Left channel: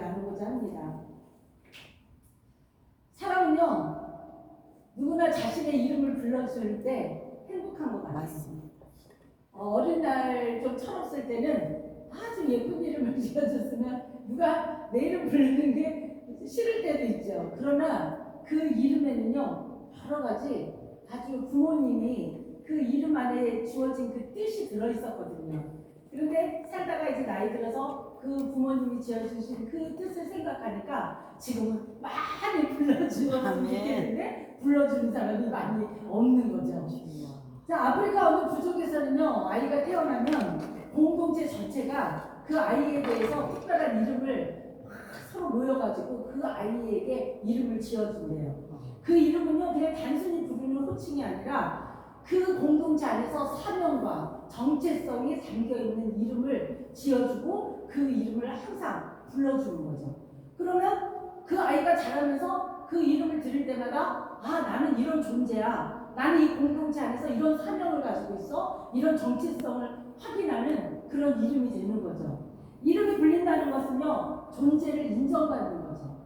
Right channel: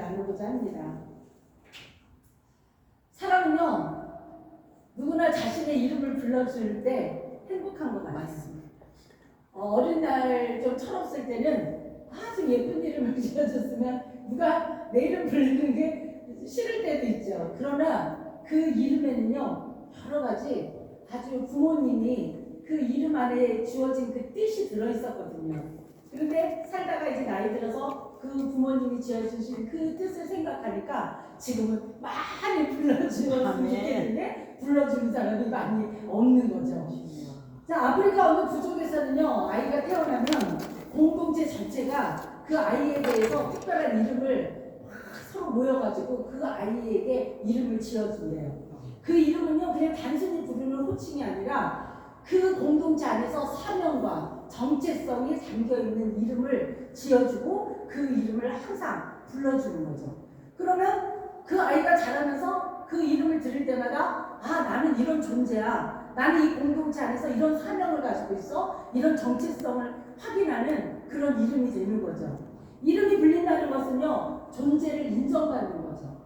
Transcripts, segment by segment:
나누고자 합니다. 사람은요, 누구나 자신의 이름을 불러줄 때 행복한 것 같습니다. 어린 날 좀 철없을 때는 아주 예쁜 이름을 지어줬으면 누가 내 이름 부르는 게 싫을 때도 있죠. 그러나 그 이름에는요, 여러 가지 아주 부모님이 그 이름 안에 주어진 그 뜻이 들어있었거든요. 그런데 살다가 이제 나이 들어서 그 부모님이 지어주신 그 뜻을 생각하니까 지금은 많이 불러주었으면 좋겠는데 불러주는 사람이 많이 없는 거죠. 자, 아프리카 어느 부족에서는요, 아이가 태어나면 공동체 전체가 그 아이에 대해서 특별한 이름을 막 서로 모여가지고 그 아이에게 이름을 지어준대요. 그 이름은요, 그냥 단순히 부르는 호칭이 아니라 그 공동체 안에서 사명과 정체성이 담겨있는 이름을 지어주고 그 이름을 항상 불러주는 거죠. 그러면 그 아이가 자라면서 그 이름을 들을 때마다 아, 나는 이런 존재야. 나는 이 공동체 안에서 이런 사명을 가지고 있어. 이런 정체성을 확인하는 그런 이름이 되는 거죠. 이름이 불린다는 것은요, 존재를 인정받는 거죠.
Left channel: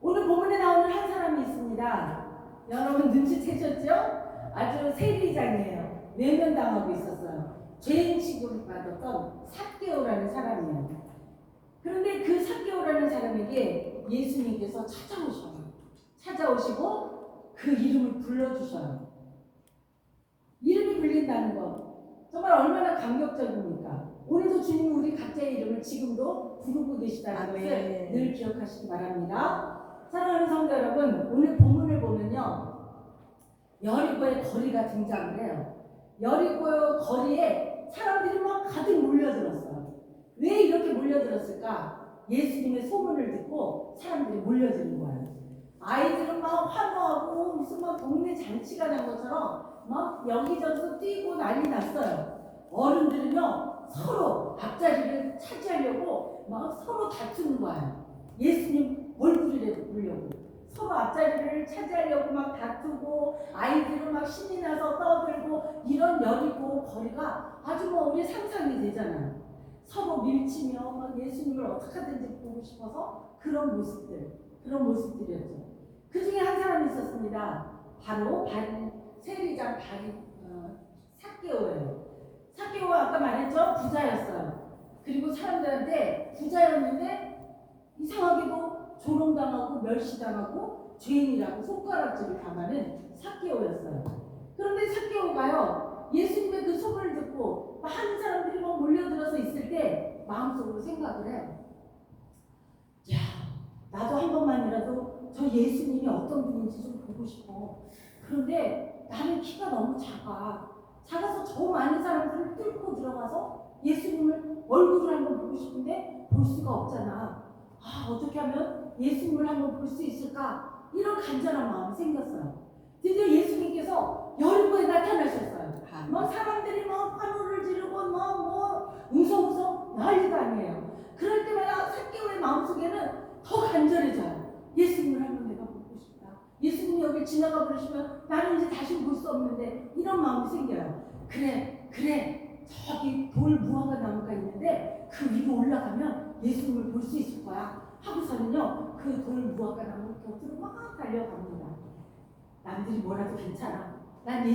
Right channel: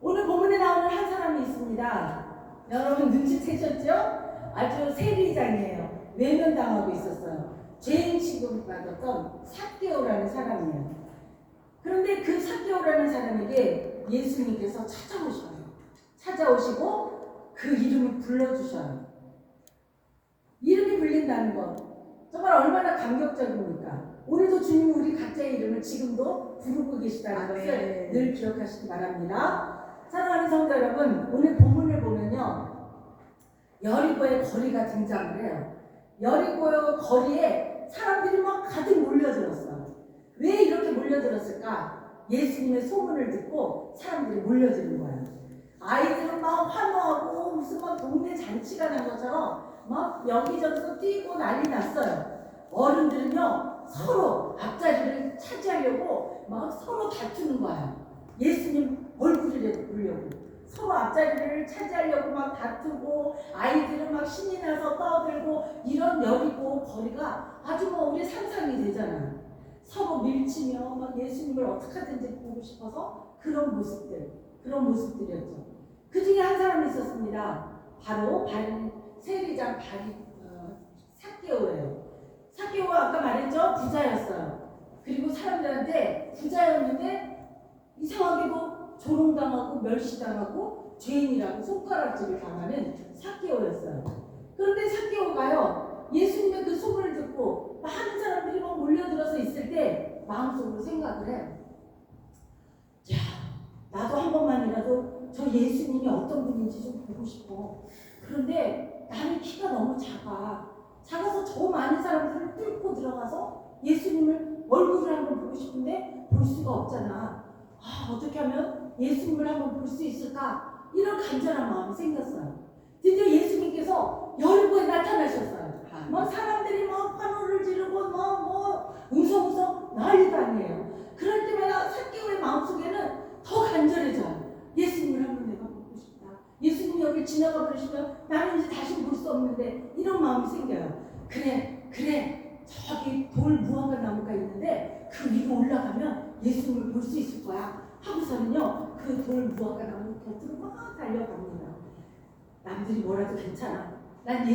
오늘 본문에 나오는 한 사람이 있습니다. 여러분 눈치채셨죠? 아주 세리장이에요. 외면당하고 있었어요. 죄인 취급받았던 삭개오라는 사람이에요. 그런데 그 삭개오라는 사람에게 예수님께서 찾아오시고 그 이름을 불러주셔요. 이름이 불린다는 것 정말 얼마나 감격적입니까? 오늘도 주님은 우리 각자의 이름을 지금도 부르고 계시다는 것을 늘 기억하시기 바랍니다. 사랑하는 성도 여러분, 오늘 본문을 보면요, 여리고의 거리가 등장을 해요. 여리고의 거리에 사람들이 막 가득 몰려들었어요. 왜 이렇게 몰려들었을까? 예수님의 소문을 듣고 사람들이 몰려드는 거예요. 아이들은 막 환호하고 무슨 막 동네 잔치가 난 것처럼 막 여기저기서 뛰고 난리 났어요. 어른들은요, 서로 앞자리를 차지하려고 막 서로 다투는 거예요. 예수님 얼굴을 보려고 서로 앞자리를 차지하려고 막 다투고, 아이들은 막 신이 나서 떠들고, 이런 여리고 거리가 아주 뭐 우리 상상이 되잖아요. 서로 밀치며 막 예수님을 어떻게 하든지 보고 싶어서 그런 모습들이었죠. 그 중에 한 사람이 있었습니다. 바로 세리장 삭개오예요. 삭개오가 아까 말했죠? 부자였어요. 그리고 사람들한테 부자였는데 이상하게도 조롱당하고 멸시당하고 죄인이라고 손가락질을 당하는 삭개오였어요. 그런데 삭개오가요, 예수님의 그 소문을 듣고 많은 사람들이 막 몰려들어서 있을 때 마음속으로 생각을 해요. 야, 나도 한 번만이라도 저 예수님이 어떤 분인지 좀 보고 싶어. 그런데 나는 키가 너무 작아서 저 많은 사람들을 뚫고 들어가서 예수님을 얼굴을 한번 보고 싶은데 볼 수가 없잖아. 아, 어떻게 하면 예수님을 한번 볼 수 있을까? 이런 간절한 마음이 생겼어요. 드디어 예수님께서 여리고에 나타나셨어요. 막 사람들이 막 환호를 지르고 막 웅성웅성 난리가 아니에요. 그럴 때마다 삭개오의 마음속에는 더 간절해져요. 예수님을 한번 내가 보고 싶다. 예수님이 여기 지나가 버리시면 나는 이제 다시 볼 수 없는데, 이런 마음이 생겨요. 그래 저기 돌 무화과 나무가 있는데 그 위로 올라가면 예수님을 볼 수 있을 거야 하고서는요, 그 돌 무화과 나무 곁으로 막 달려갑니다. 남들이 뭐라도 괜찮아. 난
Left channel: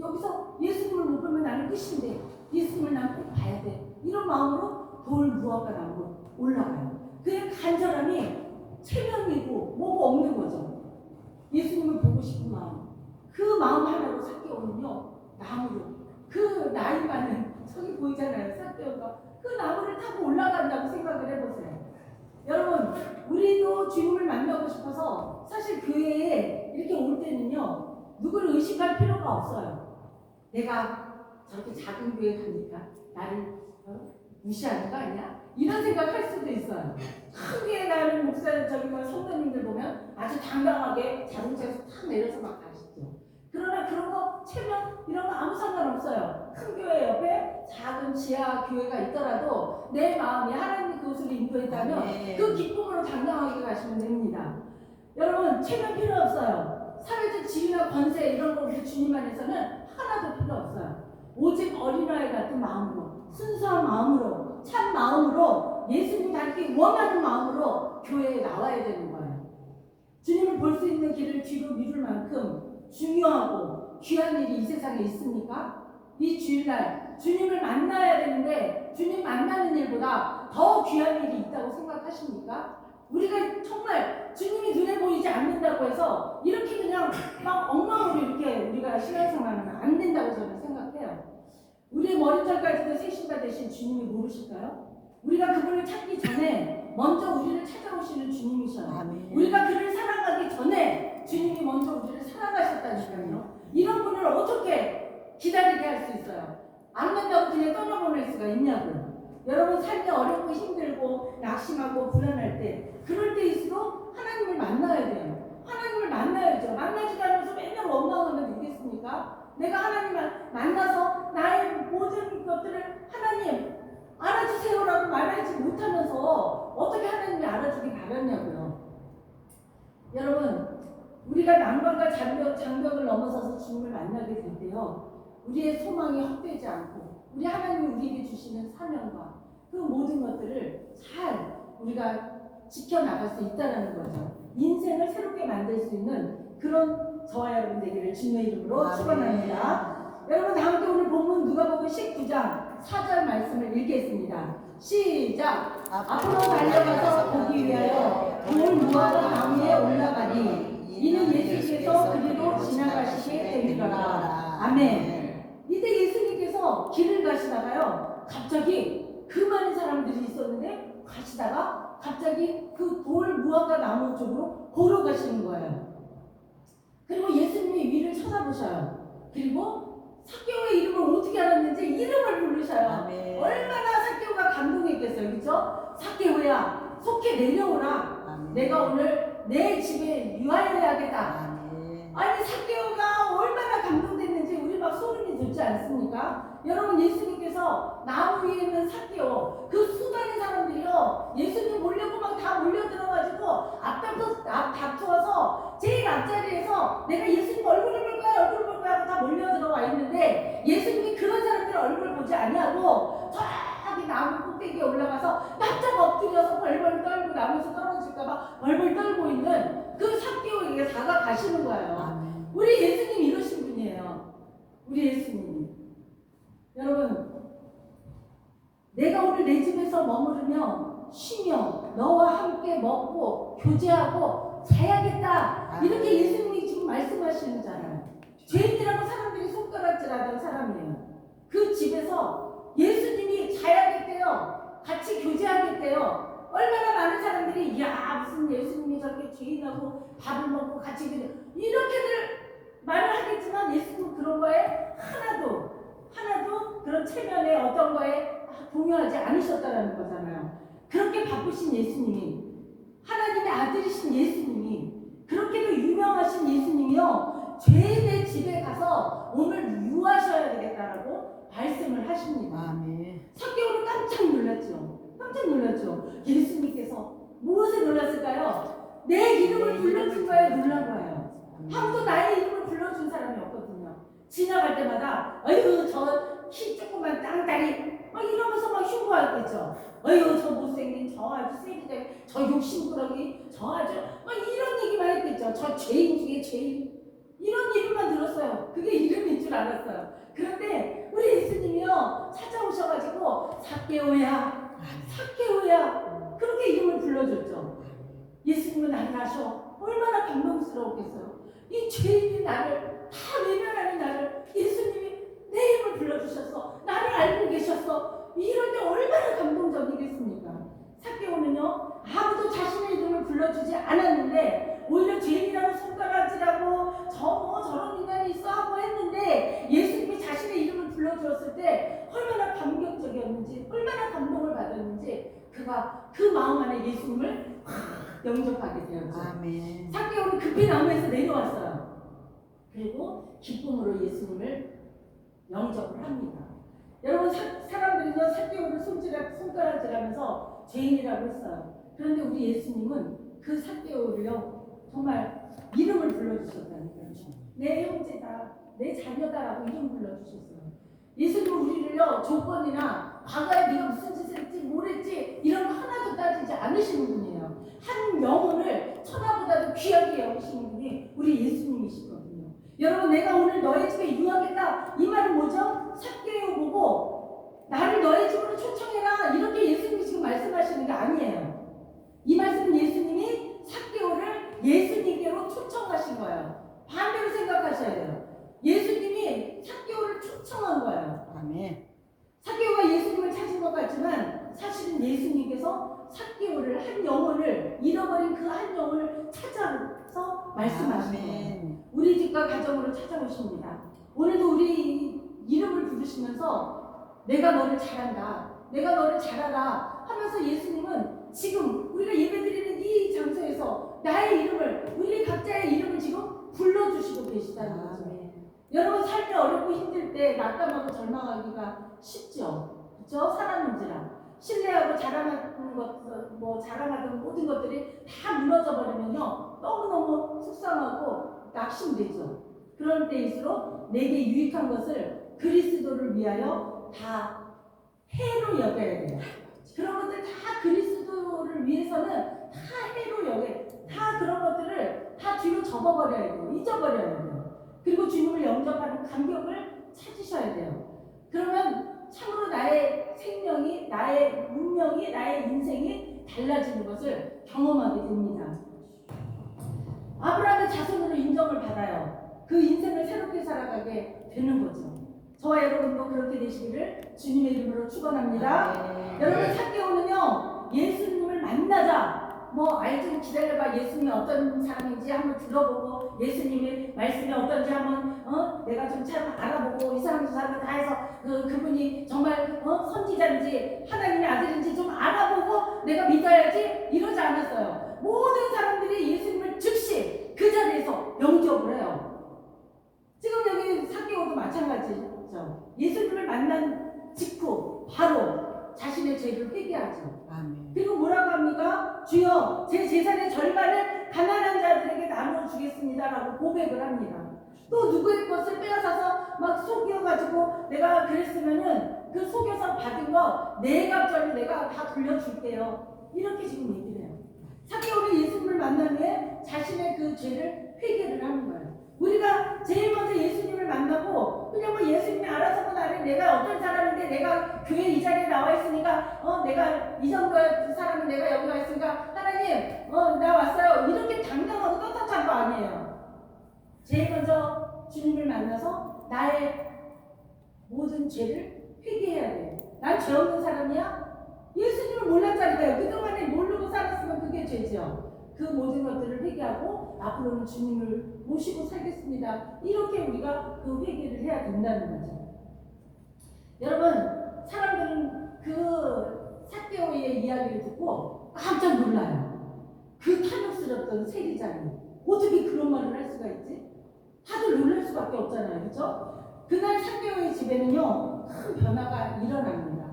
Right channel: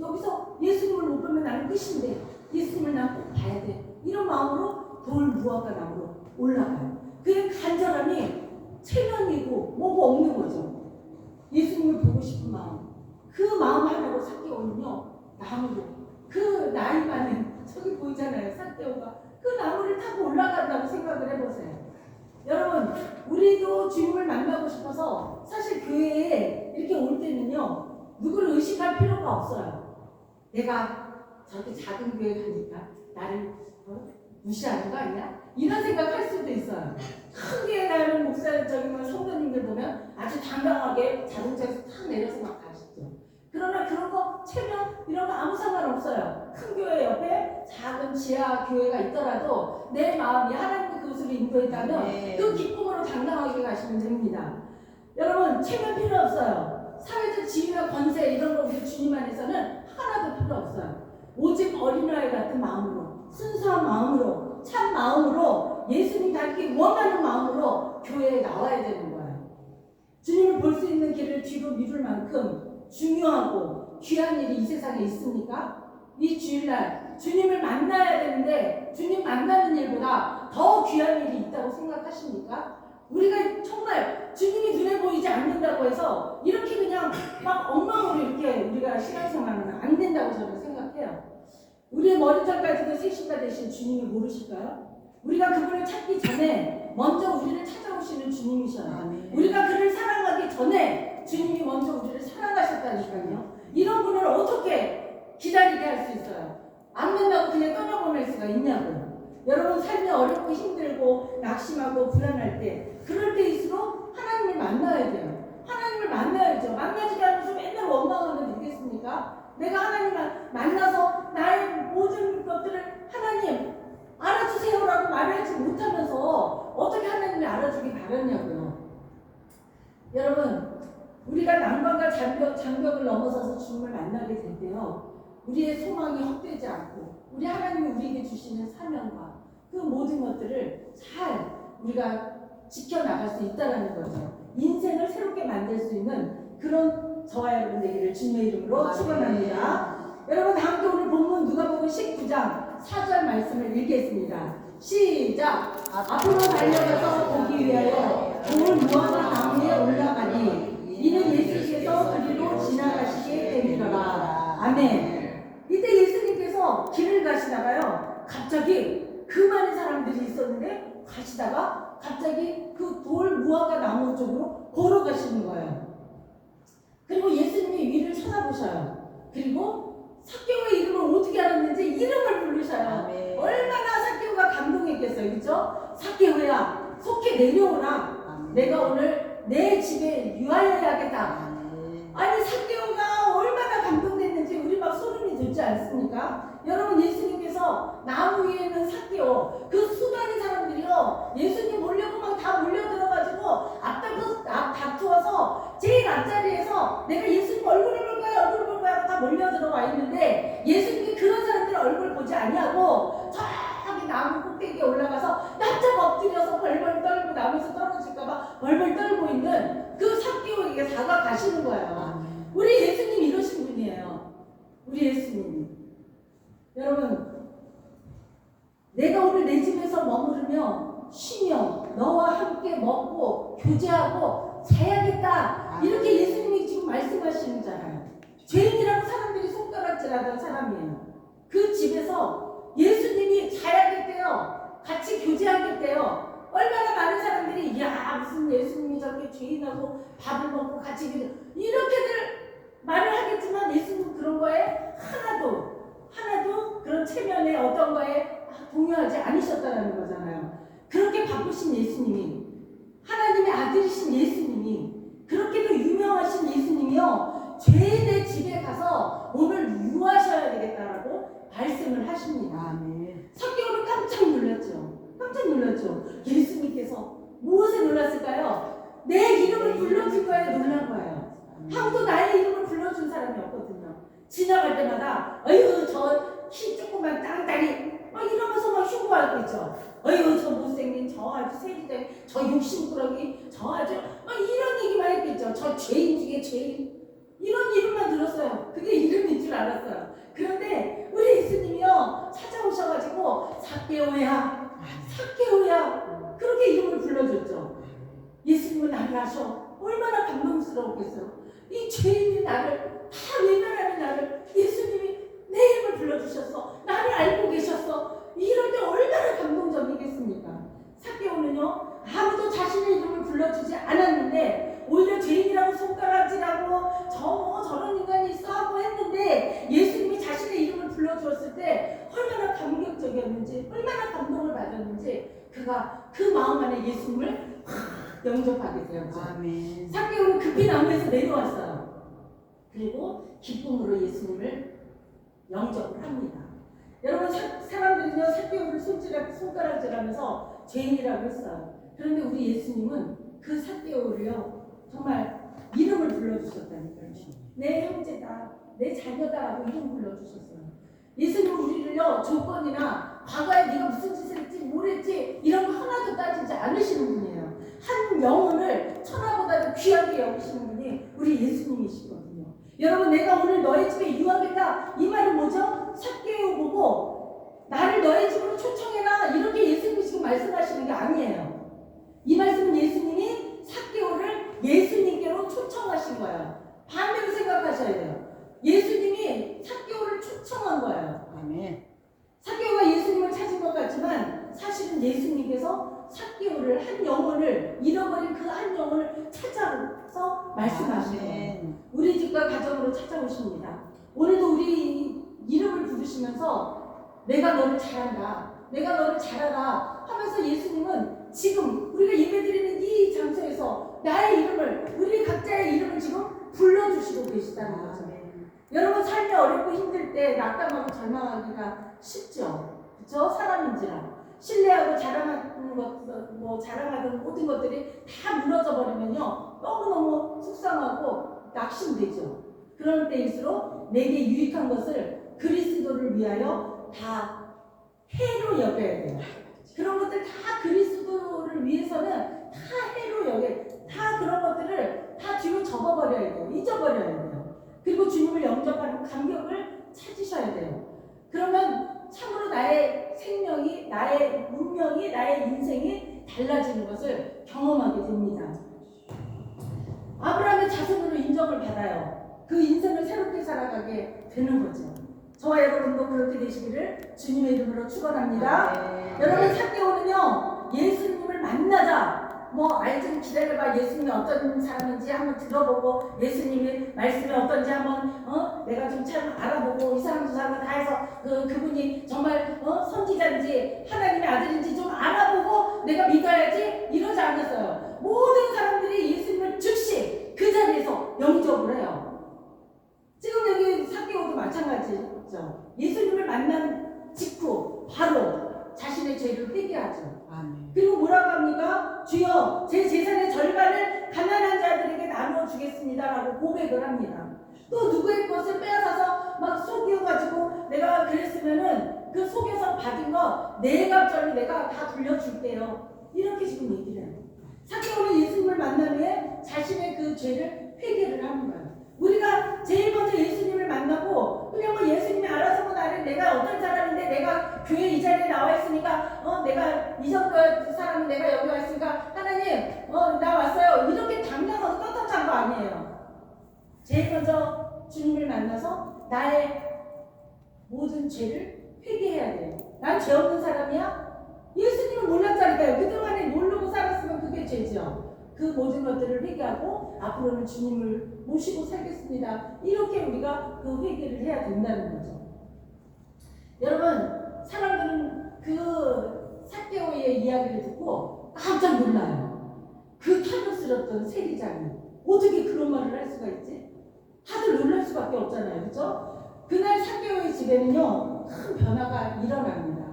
여기서 예수님을 못 보면 나는 끝인데 예수님을 난 꼭 봐야 돼. 이런 마음으로 돌 무화과 나무로 올라가요. 그의 간절함이 체면이고 뭐고 없는 거죠. 예수님을 보고 싶은 마음. 그 마음 하나로 삭개오는요, 나무로, 그 나이 많은, 저기 보이잖아요, 삭개오가 그 나무를 타고 올라간다고 생각을 해보세요. 여러분, 우리도 주님을 만나고 싶어서 사실 교회에 이렇게 올 때는요, 누구를 의식할 필요가 없어요. 내가 저렇게 작은 교회 가니까 나를 무시하는 거 아니야? 이런 생각할 수도 있어요. 큰 교회 가는 성도님들 보면 아주 당당하게 자동차에서 탁 내려서 막 가시죠. 그러나 그런 거 체면 이런 거 아무 상관없어요. 큰 교회 옆에 작은 지하 교회가 있더라도 내 마음이 하나님의 그것으로 인도했다면 그 기쁨으로 당당하게 가시면 됩니다. 여러분, 체면 필요 없어요. 사회적 지위나 권세 이런 거 우리 주님 안에서는 하나도 필요 없어요. 오직 어린아이 같은 마음으로, 순수한 마음으로, 참 마음으로 예수님 닮게 자기 원하는 마음으로 교회에 나와야 되는 거예요. 주님을 볼 수 있는 길을 뒤로 미룰 만큼 중요하고 귀한 일이 이 세상에 있습니까? 이 주일날 주님을 만나야 되는데 주님 만나는 일보다 더 귀한 일이 있다고 생각하십니까? 우리가 정말 주님이 눈에 보이지 않는다고 해서 이렇게 그냥 막 엉망으로 이렇게 우리가 신앙생활하면 안 된다고 저는 생각해요. 우리의 머리털까지도 세신바 되신 주님이 모르실까요? 우리가 그분을 찾기 전에 먼저 우리를 찾아오시는 주님이셔요. 우리가 그를 사랑하기 전에 주님이 먼저 우리를 사랑하셨다니까요. 이런 분을 어떻게 기다리게 할 수 있어요? 안 된다고 그냥 떠나보낼 수가 있냐고요. 여러분 삶이 어렵고 힘들고 낙심하고 불안할 때 그럴 때일수록 하나님을 만나야 돼요. 하나님을 만나야죠. 만나지 않으면서 맨날 원망하면 되겠습니까? 내가 하나님을 만나서 나의 모든 것들을 하나님 알아주세요라고 말하지 못하면서 어떻게 하나님이 알아주기 바랐냐고요. 여러분 우리가 난관과 장벽을 넘어서서 주님을 만나게 될 때요. 우리의 소망이 헛되지 않고 우리 하나님이 우리에게 주시는 사명과 그 모든 것들을 잘 우리가 지켜나갈 수 있다는 거죠. 인생을 새롭게 만들 수 있는 그런 저와 여러분 되기를 주님의 이름으로 축원합니다. 여러분 다음에 오늘 본문 누가복음 19장 4절 말씀을 읽겠습니다. 시작. 앞으로 달려가서 보기 위하여 돌 무화과 나무에 올라가니 이는 예수께서 그리로 지나가시게 되리라. 아멘. 이때 예수님께서 길을 가시다가요 갑자기 그 많은 사람들이 있었는데 가시다가 갑자기 그 돌 무화과 나무 쪽으로 걸어가시는 거예요. 그리고 예수님이 위를 쳐다보셔요. 그리고 삭개오의 이름을 어떻게 알았는지 이름을 부르셔요. 얼마나 삭개오가 감동했겠어요. 그렇죠? 삭개오야 속히 내려오라. 내가 오늘 내 집에 유하여야겠다. 아니 삭개오가 얼마나 감동됐는지 우리 막 소름이 돋지 않습니까? 여러분 예수님께서 나무 위에 있는 삭개오 그 수많은 사람들이요 예수님 보려고 막 다 몰려들어가지고 앞 다투어서 제일 앞자리에서 내가 예수님 얼굴을 볼 거야 얼굴 볼 거야 다 몰려들어와 있는데 예수님이 그런 사람들 얼굴 보지 아니하고 저기 나무 꼭대기에 올라가서 납작 엎드려서 벌벌 떨고 나무에서 떨어질까봐 벌벌 떨고 있는 그 삭개오에게 다가가시는 거예요. 우리 예수님 이러신 분이에요. 우리 예수님이. 여러분 내가 오늘 내 집에서 머무르며 쉬며 너와 함께 먹고 교제하고 자야겠다 이렇게 예수님이 지금 말씀하시는잖아요. 죄인이라고 사람들이 손가락질하던 사람이에요. 그 집에서 예수님이 자야겠대요. 같이 교제하겠대요. 얼마나 많은 사람들이 야 무슨 예수님이 저렇게 죄인하고 밥을 먹고 같이 이렇게들 말을 하겠지만 예수님 그런 거에 하나도 그런 체면에 어떤 거에 동요하지 않으셨다는 거잖아요. 그렇게 바쁘신 예수님이 하나님의 아들이신 예수님이 그렇게도 유명하신 예수님이요 죄인의 집에 가서 오늘 유하셔야 되겠다라고 말씀을 하십니다. 삭개오는 깜짝 놀랐죠. 예수님께서 무엇에 놀랐을까요? 내 이름을 불러준 거에 놀란 거예요. 아무도 나의 이름을 불러준 사람이 없거든요. 지나갈 때마다 어휴 저 키 조그만 땅다리 막 이러면서 막 흉보하겠죠. 어휴 저 못생긴 저 아주 세리대 저 욕심꾸러기 저 아주 막 이런 얘기만 했겠죠. 저 죄인 중에 죄인 이런 이름만 들었어요. 그게 이름인 줄 알았어요. 그런데 우리 예수님이요 찾아오셔가지고 삭개오야 그렇게 이름을 불러줬죠. 예수님은 나를 아셔. 얼마나 감동스러웠겠어요. 이 죄인이 나를 다 외면하는 나를 예수님이 내 이름을 불러주셨어. 나를 알고 계셨어. 이럴 때 얼마나 감동적이겠습니까? 삭개오는요 아무도 자신의 이름을 불러주지 않았는데 오히려 죄인이라고 손가락질하고 저런 인간이 있어 하고 했는데 예수님이 자신의 이름을 불러주었을 때 얼마나 감격적이었는지 얼마나 감동을 받았는지 그가 그 마음 안에 예수님을 영접하게 되었죠. 삭개오는 급히 나무에서 내려왔어요. 그리고 기쁨으로 예수님을 영접을 합니다. 여러분 사람들은요 삭개오를 손가락질하면서 죄인이라고 했어요. 그런데 우리 예수님은 그 삭개오를요 정말 이름을 불러주셨다니까요. 내 형제다, 내 자녀다라고 이름 불러주셨어요. 예수님은 우리를요 조건이나 과거에 네가 무슨 짓을 했지 뭘 했지 이런 거 하나도 따지지 아끼시는 분이에요. 한 영혼을 천하보다도 귀하게 여기시는 분이 우리 예수님이시거든요. 여러분, 내가 오늘 너희 집에 유하겠다, 이 말은 뭐죠? 삭개오 보고 나를 너희 집으로 초청해라, 이렇게 예수님이 지금 말씀하시는 게 아니에요. 이 말씀은 예수님이 삭개오를 예수님께로 초청하신 거예요. 반대로 생각하셔야 돼요. 예수님이 삭개오를 초청한 거예요. 아멘. 삭개오가 예수님을 찾은 것 같지만 사실은 예수님께서 삭개오를, 한 영혼을, 잃어버린 그 한 영혼을 찾아서 말씀하신 거예요. 우리 집과 가정으로 찾아오십니다. 오늘도 우리 이름을 부르시면서 내가 너를 잘한다, 내가 너를 잘하라 하면서 예수님은 지금 우리가 예배드리는 이 장소에서 나의 이름을, 우리 각자의 이름을 지금 불러주시고 계시다는 거죠. 여러분, 삶이 어렵고 힘들 때 낙담하고 절망하기가 쉽죠. 그렇죠? 사람인지라 신뢰하고 자랑하는 것, 뭐 자랑하던 모든 것들이 다 무너져 버리면요, 너무너무 속상하고 낙심되죠. 그런 때일수록 내게 유익한 것을 그리스도를 위하여 다 해로 여겨야 돼요. 그런 것들 다 그리스도를 위해서는 다 해로 여겨, 다 그런 것들을 다 뒤로 접어버려야 돼요. 잊어버려야 돼요. 그리고 주님을 영접하는 감격을 찾으셔야 돼요. 그러면 참으로 나의 생명이, 나의 운명이, 나의 인생이 달라지는 것을 경험하게 됩니다. 아브라함의 자손으로 인정을 받아요. 그 인생을 새롭게 살아가게 되는 거죠. 저와 여러분도 그렇게 되시기를 주님의 이름으로 축원합니다. 여러분, 삭개오는요, 예수님을 만나자, 뭐 좀 기다려봐, 예수님이 어떤 사람인지 한번 들어보고 예수님의 말씀이 어떤지 한번 내가 좀 참 알아보고 이 사람 저 사람 다 해서 그분이 정말 선지자인지 하나님의 아들인지 좀 알아보고 내가 믿어야지, 이러지 않았어요. 모든 사람들이 예수님을 즉시 그 자리에서 영접을 해요. 지금 여기 삭개오도 마찬가지죠. 예수님을 만난 직후 바로 자신의 죄를 회개하죠. 그리고 뭐라고 합니까? 주여, 제 재산의 절반을 가난한 자들에게 나눠주겠습니다라고 고백을 합니다. 또 누구의 것을 빼앗아서 막 속여가지고 내가 그랬으면은 그 속여서 받은 거 네 갑절로 내가 다 돌려줄게요, 이렇게 지금 얘기를 해요. 삭개오는 예수님을 만난 후에 자신의 그 죄를 회개를 하는 거예요. 우리가 제일 먼저 예수님을 만나고 그냥 뭐 예수님이 알아서 뭐 나를, 내가 어떤 사람인데 내가 교회 이 자리에 나와 있으니까 내가 이 정도 사람이 내가 여기 와 있으니까 하나님 나 왔어요, 이렇게 당당하고 떳떳한 거 아니에요. 제일 먼저 주님을 만나서 나의 모든 죄를 회개해야 돼요. 난 죄 없는 사람이야? 예수님을 몰랐잖아요. 그동안에 모르고 살았으면 그게 죄죠. 그 모든 것들을 회개하고 앞으로는 주님을 모시고 살겠습니다, 이렇게 우리가 그 회개를 해야 된다는 거죠. 여러분, 사람들은 그 삭개오의 이야기를 듣고 깜짝 놀라요. 그 탐욕스럽던 세리장이 어떻게 그런 말을 할 수가 있지? 다들 놀랄 수밖에 없잖아요. 그렇죠? 그날 삭개오의 집에는요, 큰 변화가 일어납니다.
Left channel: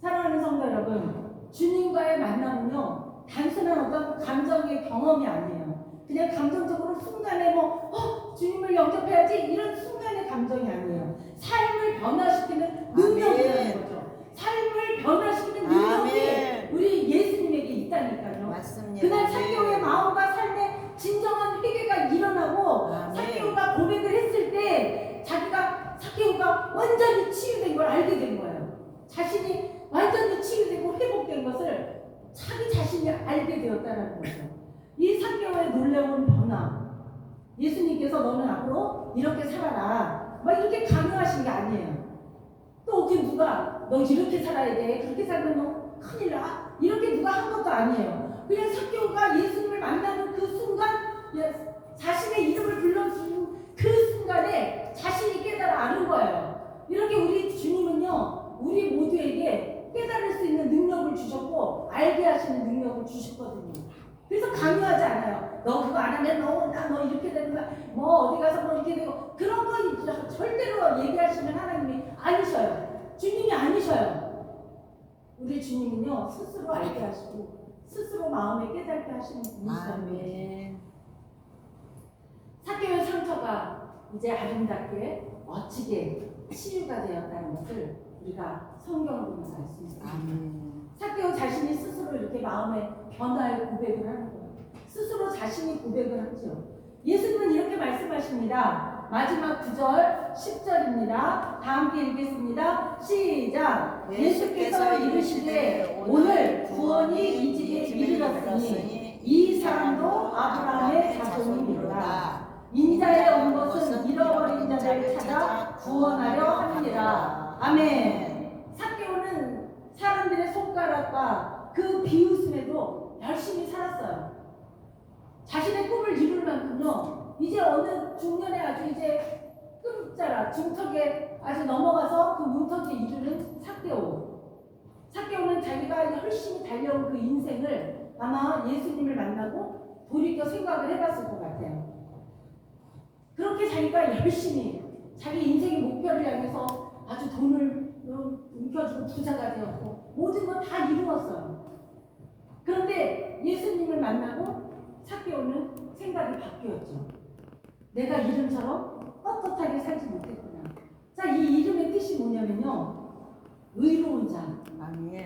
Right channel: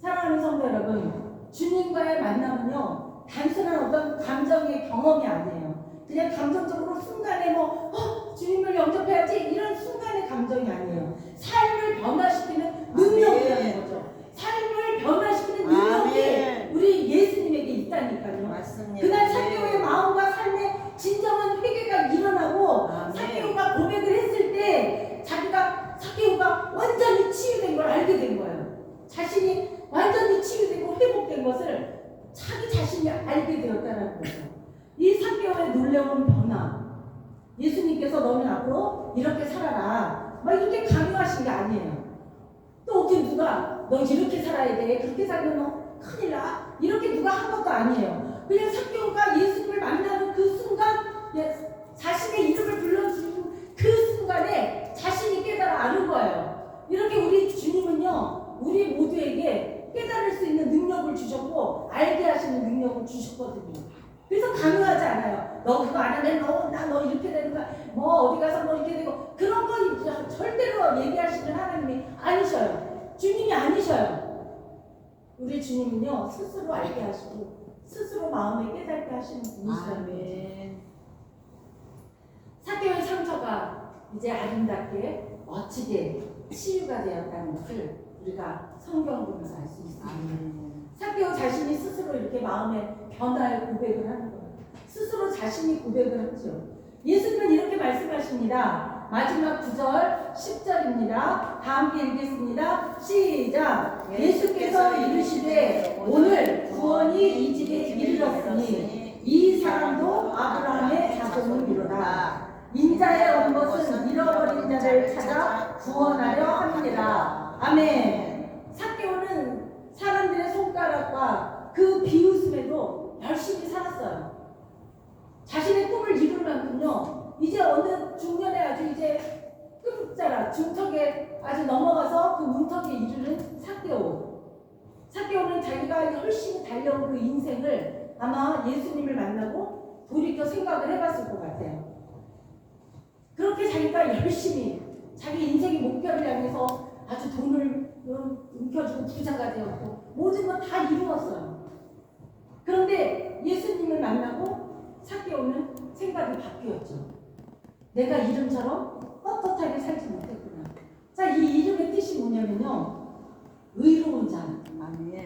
사랑하는 성도 여러분, 주님과의 만남은요, 단순한 어떤 감정의 경험이 아니에요. 그냥 감정적으로 순간에 주님을 영접해야지, 이런 순간의 감정이 아니에요. 삶을 변화시키는 능력이라는 거죠. 삶을 변화시키는 능력이 우리 예수님에게 있다니까요. 맞습니다. 그날 삭개오의 마음과 삶의 진정한 회개가 일어나고 삭개오가 고백을 했을 때 삭개오가 완전히 치유된 걸 알게 된 거예요. 자신이 완전히 치유되고 회복된 것을 자기 자신이 알게 되었다는 거죠. 이 삭개오의 놀라운 변화, 예수님께서 너는 앞으로 이렇게 살아라 막 이렇게 강요하신 게 아니에요. 또 누가 너 이렇게 살아야 돼, 그렇게 살면 너 큰일 나, 이렇게 누가 한 것도 아니에요. 그냥 삭개오가 예수님을 만나는 그 순간, 자신의 이름을 불러주는 그 순간에 자신이 깨달아 아는 거예요. 이렇게 우리 주님은요, 우리 모두에게 깨달을 수 있는 능력을 주셨고 알게 하시는 능력을 주셨거든요. 그래서 강요하지 않아요. 너 그거 안 하면 너 이렇게 되는 거야, 뭐 어디 가서 뭐 이렇게 되고, 그런 거 절대로 얘기하시는 하나님이 아니셔요. 주님이 아니셔요. 우리 주님은요, 스스로 알게 하시고 스스로 마음에 깨닫게 하시는 분이시라는 거죠. 삭개오의 상처가 이제 아름답게 멋지게 치유가 되었다는 것을 우리가 성경을 보면서 알 수 있습니다. 삭개오 자신이 스스로 이렇게 이렇게 마음의 변화의 고백을 하는 거예요. 스스로 자신이 고백을 하죠. 예수님은 이렇게 말씀하십니다. 마지막 9절 10절입니다. 다 함께 읽겠습니다. 시작. 예수께서 이르시되 오늘 구원이 이 집에 이르렀으니 이 사람도 아브라함의 자손이로다. 인자에 온 것은 잃어버린 자를 찾아 구원하려 함이니라. 아멘. 삭개오는 사람들의 손가락과 그 비웃음에도 열심히 살았어요. 자신의 꿈을 이룰 만큼요. 이제 어느 중년에 아주 이제 끝자락 중턱에 아주 넘어가서 그 문턱에 이르는 삭개오. 삭개오는 자기가 열심히 달려온 그 인생을 아마 예수님을 만나고 돌이켜 생각을 해봤을 것 같아요. 그렇게 자기가 열심히 자기 인생의 목표를 향해서 아주 돈을 움켜쥐고 부자가 되었고 모든 건 다 이루었어요. 그런데 예수님을 만나고 삭개오는 생각이 바뀌었죠. 내가 이름처럼 떳떳하게 살지 못했구나. 자, 이 이름의 뜻이 뭐냐면요. 의로운 자.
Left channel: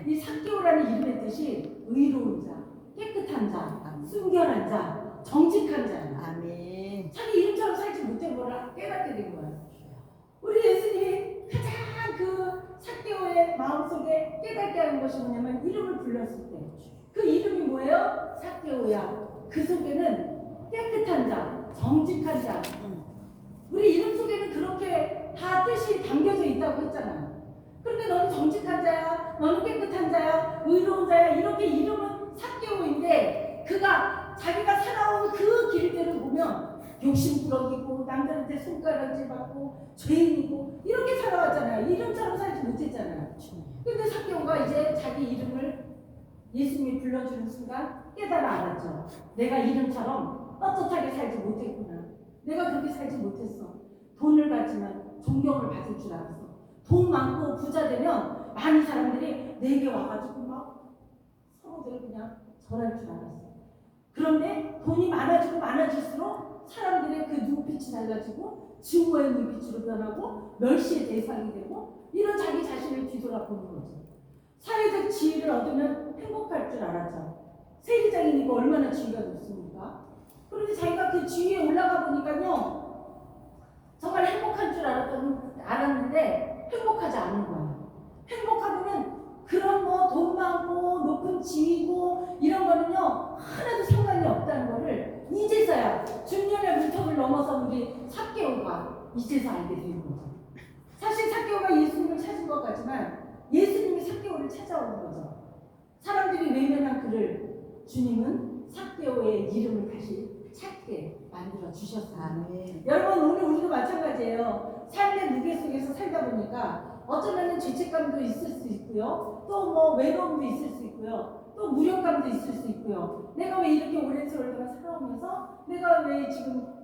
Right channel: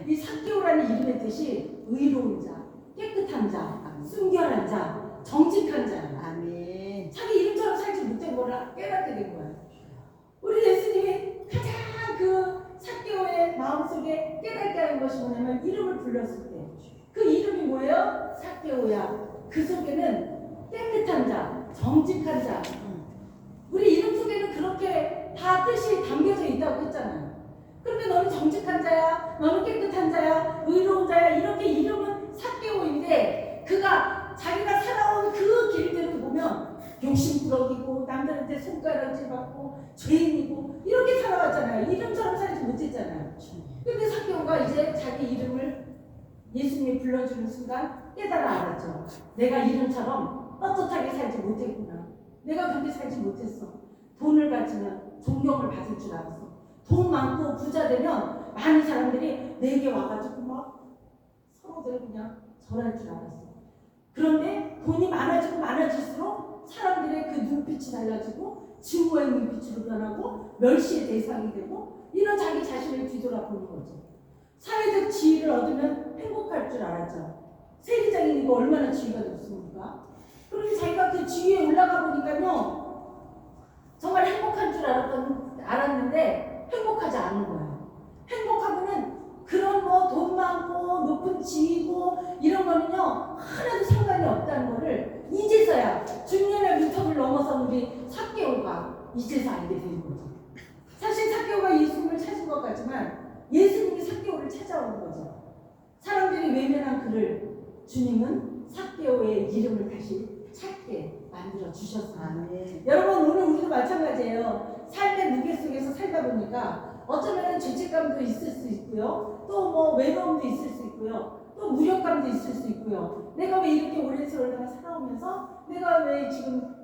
이 삭개오라는 이름의 뜻이 의로운 자, 깨끗한 자, 순결한 자, 정직한 자. 자기 이름처럼 살지 못된 거를 깨닫게 된 거예요. 우리 예수님이 가장 그 삭개오의 마음속에 깨닫게 하는 것이 뭐냐면 이름을 불렀을 때 그 이름이 뭐예요? 삭개오야. 그 속에는 깨끗한 자, 정직한 자. 우리 이름 속에는 그렇게 다 뜻이 담겨져 있다고 했잖아요. 그런데 너는 정직한 자야, 너는 깨끗한 자야, 의로운 자야, 이렇게 이름은 삭개오인데 그가 자기가 살아온 그 길들을 보면 욕심꾸러기고 남들한테 손가락질 받고 죄인이고 이렇게 살아왔잖아요. 이름처럼 살지 못했잖아요. 근데 삭개오가 이제 자기 이름을 예수님이 불러주는 순간 깨달아 알았죠. 내가 이름처럼 떳떳하게 살지 못했구나. 내가 그렇게 살지 못했어. 돈을 가지면 존경을 받을 줄 알았어. 돈 많고 부자 되면 많은 사람들이 내게 와가지고 막 서로들 그냥 절할 줄 알았어. 그런데 돈이 많아지고 많아질수록 사람들의 그 눈빛이 달라지고 증오의 눈빛으로 변하고 멸시의 대상이 되고 이런 자기 자신을 뒤돌아보는 거죠. 사회적 지위를 얻으면 행복할 줄 알았죠. 세리장이니까 얼마나 지위가 높습니까? 그런데 자기가 그 지위에 올라가 보니까요 정말 행복한 줄 알았는데 행복하지 않은 거예요. 행복하고는 그런 뭐 돈 많고 높은 지위고 이런 거는요 하나도 상관이 없다는 거를 이제서야 중년의 문턱을 넘어선 우리 삭개오가 이제서 알게 되는 거죠. 사실 삭개오가 예수님을 찾은 것 같지만 예수님이 삭개오를 찾아오는 거죠. 사람들이 외면한 그를 주님은 삭개오의 이름을 다시 찾게 만들어 주셨습니다. 여러분 오늘 우리도 마찬가지예요. 삶의 무게 속에서 살다 보니까 어쩌면 죄책감도 있을 수 있고요. 또 뭐 외로움도 있을 수 있고요. 또 무력감도 있을 수 있고요. 내가 왜 이렇게 오랜 세월 동안 살아오면서 내가 왜 지금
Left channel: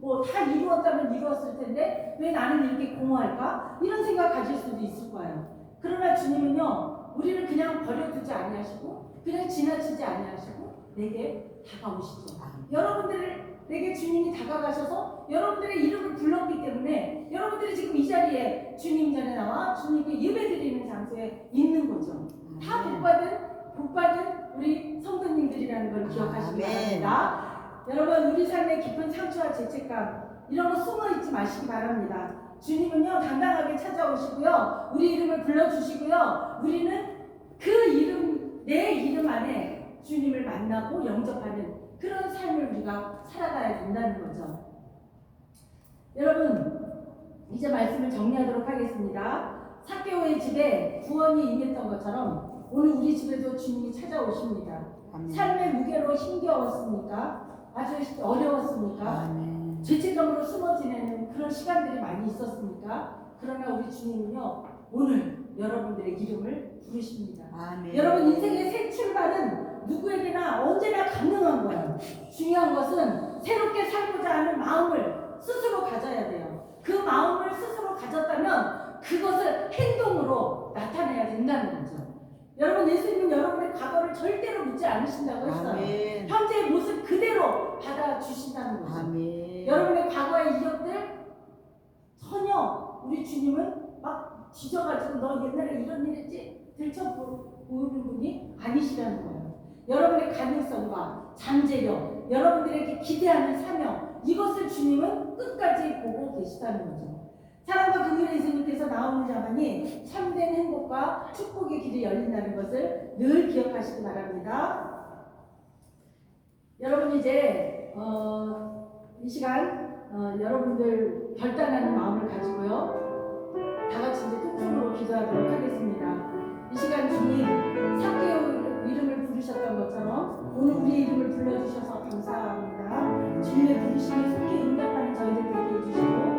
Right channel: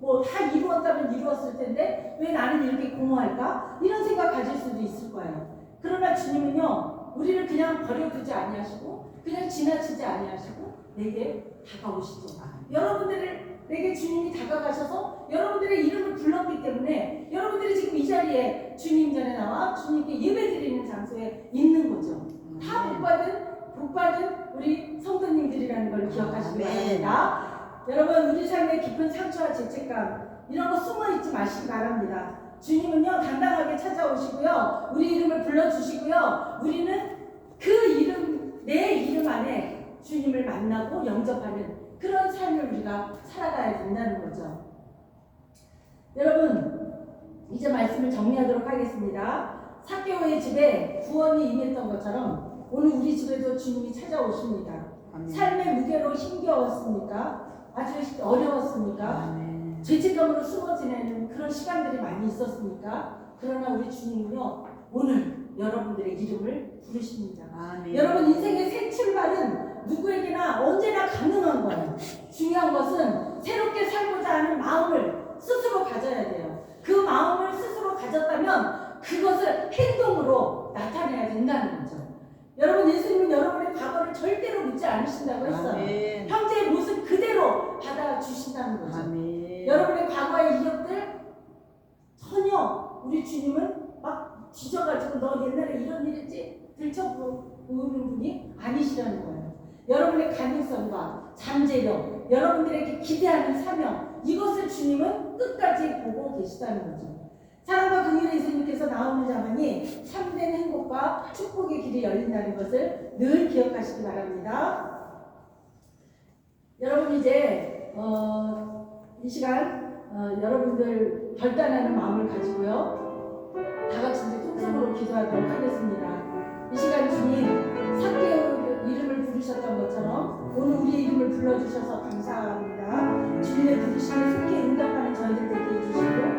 뭐 다 이루었다면 이루었을 텐데 왜 나는 이렇게 공허할까? 이런 생각 가질 수도 있을 거예요. 그러나 주님은요 우리를 그냥 버려두지 아니하시고 그냥 지나치지 아니하시고 내게 다가오시죠. 여러분들에게 주님이 다가가셔서 여러분들의 이름을 불렀기 때문에 여러분들이 지금 이 자리에 주님 전에 나와 주님께 예배드리는 장소에 있는 거죠. 다 복받은 우리 성도님들이라는 걸 기억하시기 바랍니다. 여러분 우리 삶의 깊은 상처와 죄책감 이런 거 숨어있지 마시기 바랍니다. 주님은요 당당하게 찾아오시고요 우리 이름을 불러주시고요 우리는 그 이름 내 이름 안에 주님을 만나고 영접하는 그런 삶을 우리가 살아가야 된다는 거죠. 여러분 이제 말씀을 정리하도록 하겠습니다. 삭개오의 집에 구원이 임했던 것처럼 오늘 우리 집에도 주님이 찾아오십니다. 삶의 무게로 힘겨웠습니까? 아주 어려웠습니까? 죄책감으로 숨어 지내는 그런 시간들이 많이 있었습니까? 그러나 우리 주님은요 오늘 여러분들의 이름을 부르십니다. 여러분 인생의 새 출발은 누구에게나 언제나 가능한 거예요. 중요한 것은 새롭게 살고자 하는 마음을 스스로 가져야 돼요. 그 마음을 스스로 가졌다면 그것을 행동으로 나타내야 된다는 거죠. 여러분 예수님은 여러분의 과거를 절대로 묻지 않으신다고 했어요. 현재의 모습 그대로 받아주신다는 거죠. 여러분의 과거의 이력들 전혀 우리 주님은 막 뒤져가지고 너 옛날에 이런 일 했지 들춰보는 분이 아니시라는 거예요. 여러분의 가능성과 잠재력, 여러분들에게 기대하는 사명, 이것을 주님은 끝까지 보고 계시다는 거죠. 사랑과 긍휼의 예수님께서 나오는 자만이 참된 행복과 축복의 길이 열린다는 것을 늘 기억하시기 바랍니다. 여러분 이제 이 시간 여러분들 결단하는 마음을 가지고요, 다 같이 이제 통성으로 기도하도록 하겠습니다. 이 시간 주님 삭개오 이름을 부르셨던 것처럼 오늘 우리 이름을 불러주셔서 감사합니다. 주님의 부르심에 속히 응답하는 저희들 되게 해주시고